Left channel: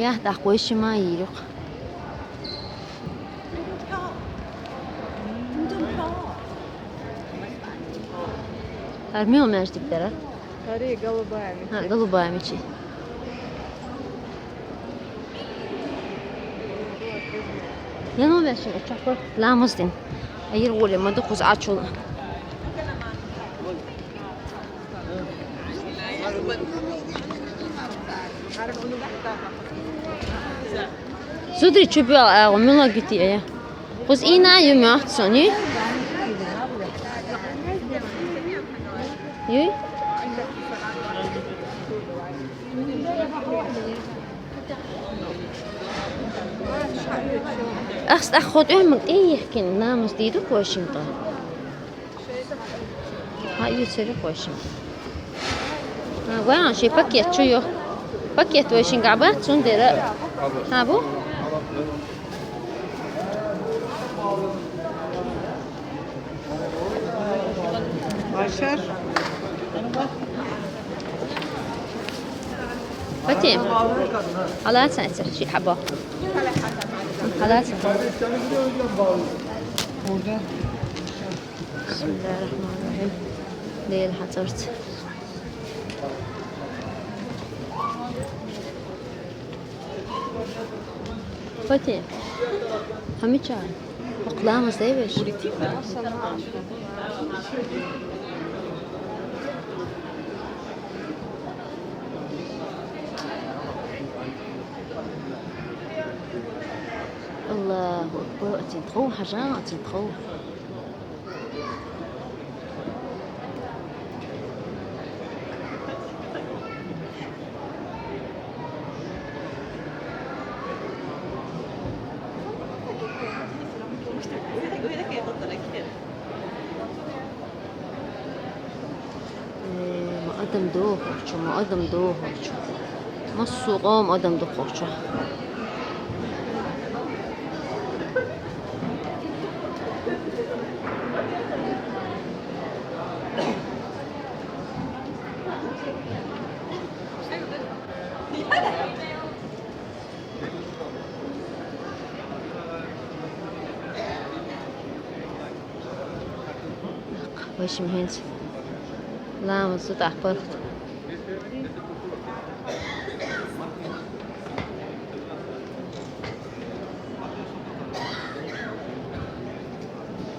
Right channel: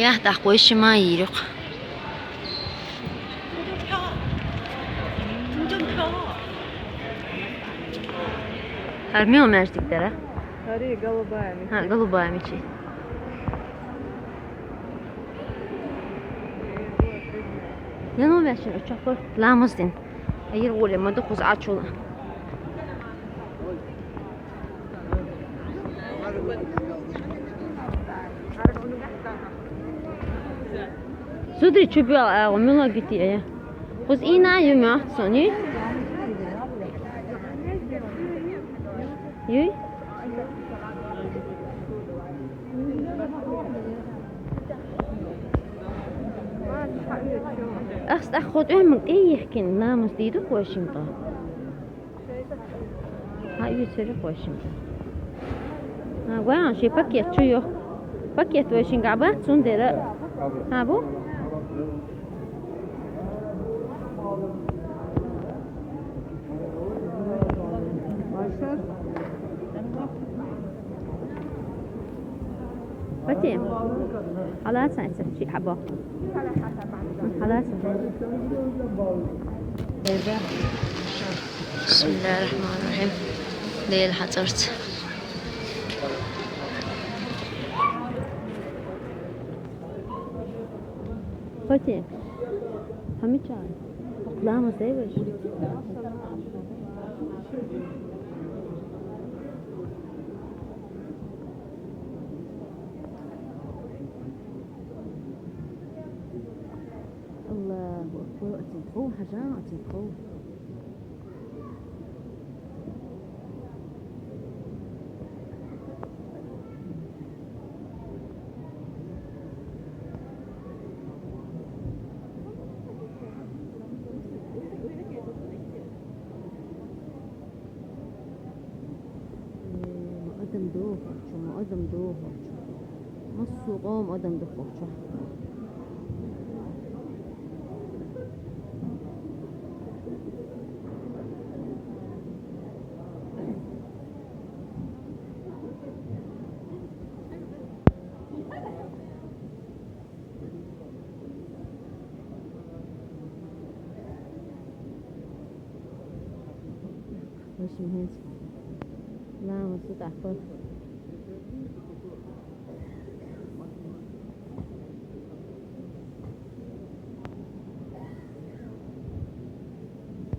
야, 나 꼬시마 이륙. 좀 펴. 알미오 mercekleri. Sarı голубая. Ha, голубая мечи. Ya ne olmuş şimdi? Uçak var. Lamızdım. Hayır olamadı. Kuz aç ol. Sudri çöpü al. Gitti ya. Kuz ina yemeğe sonu. Yuy. أخذ أمك إيه يحكي نامس ديدك واشنطن هاي يسرق واشنطن وين شي باكيت شو يو باكيت واشين قعبات سندرة هابو Başar. فتيم على سنسر شي حبة على سنسر بسم الله الرحمن الرحيم ليل حضرت فتيم همي çay أقلام سيبش الله أكبر أتنتخو حاجة أتنتخو ما أدم دوه خورشو ما أدم دوه خورشو ما السوقام أدم دوه خورشو وش مهنت لا مصوت أحبرت